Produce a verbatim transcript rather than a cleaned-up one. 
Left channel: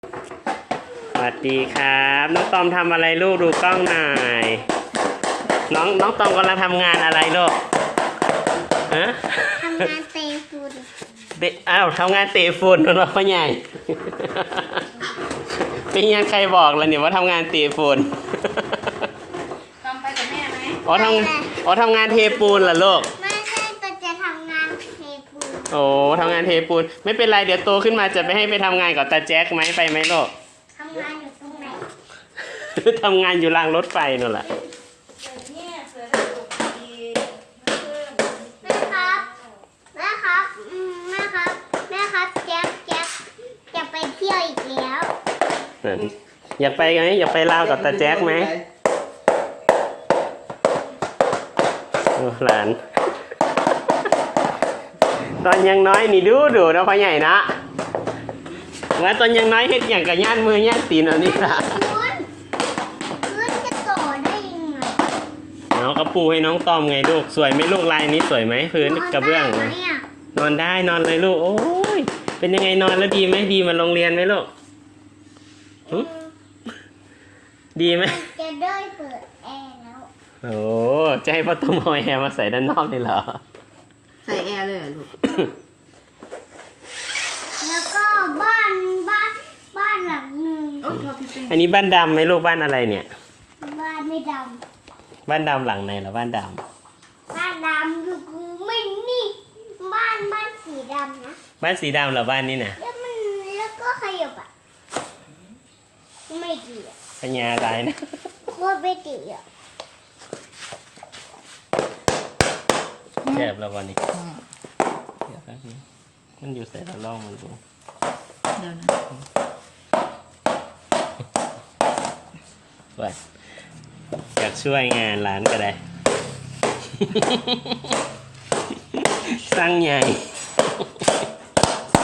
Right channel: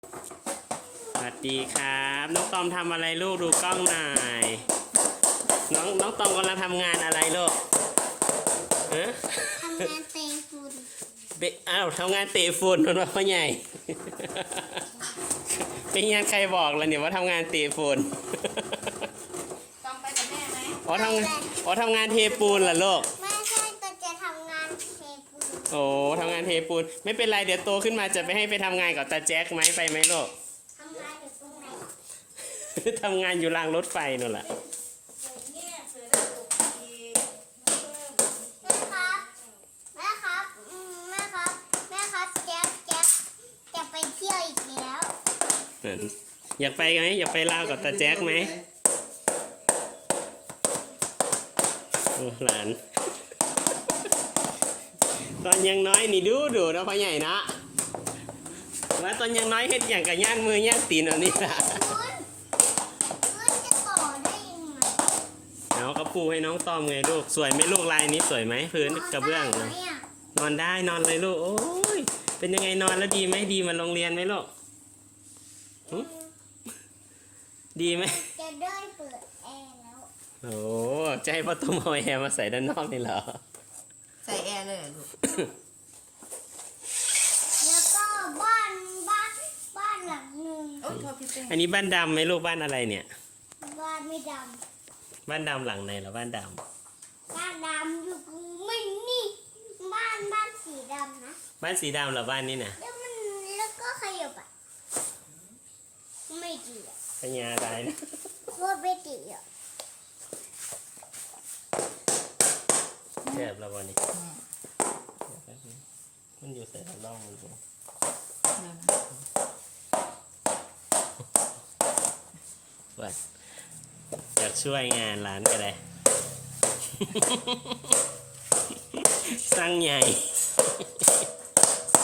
สวัสดีครับน้องตอมทำอะไรลูกดูกล้องหน่อยน้องน้องตอมกำลังทำงานอะไรลูกฮะทำงานเตะฝุ่นเตะอ้าวทำงานเตะฝุ่นเหรอพ่อใหญ่เป็นยังใครบอกล่ะเนี่ยว่าทำงานเตะฝุ่นตอมไปกับแม่ไหมอ๋อทำอ๋อทำงานเทปูนเหรอลูกไม่ใช่ตัวจะทำงานเทปูนโอ้ทำงานเทปูนไม่เป็นไรเดี๋ยวโตขึ้นมาจะไปให้ไปทำงานกับตาแจ็คไหมไปไหมลูกทำงานอยู่ตรงไหนทำงานอยู่รางรถไฟนั่นแหละเนี่ยเสือได้ถูกดีแม่ครับแม่ครับอืมแม่ครับแม่ครับแจ๊คแจ๊คจะไปเที่ยวอีกแล้วอยากไปไหมอยากไปลาวกับตาแจ็คไหมหลานตอนยังน้อยนี่ดูดูนะพ่อใหญ่นะงั้นตอนยังน้อยเฮ็ดอย่างกับย่านมือย่านตีนเอานี่ล่ะพื้นพื้นจะต่อได้ยังไงน้องกระปูให้น้องตอมไงลูกสวยไหมลูกลายนี้สวยไหมพื้นกระเบื้องนอนได้นอนเลยลูกโอ้ยเป็นยังไงนอนแล้วดีไหมดีมาโรงเรียนไหมลูกดีไหมจะได้เปิดแอร์แล้วโอ้จะให้พ่อตุ้มเอาแอร์มาใส่ด้านนอกเลยเหรอใส่แอร์เลยลูกแล้วก็บ้านบ้านบ้านหลังหนึ่งอันนี้บ้านดำไหมลูกบ้านอะไรเนี่ยบ้านไม่ดำบ้านดำหลังไหนเหรอบ้านดำบ้านดำอยู่ไม่นี่บ้านบ้านสีดำนะำบ้านสีดำเหรอบ้านนี้น่ะแล้วมันแล้วก็ขยับอ่ะไม่ดีอ่ะปัญญาตายนะโคตรไม่ดีอ่ะแคบแล้ววันนี้มันอยู่ใส่ละล่องมันดูเดี๋ยวนะว่าอยากช่วยงานร้านก็ได้สร้างใหญ่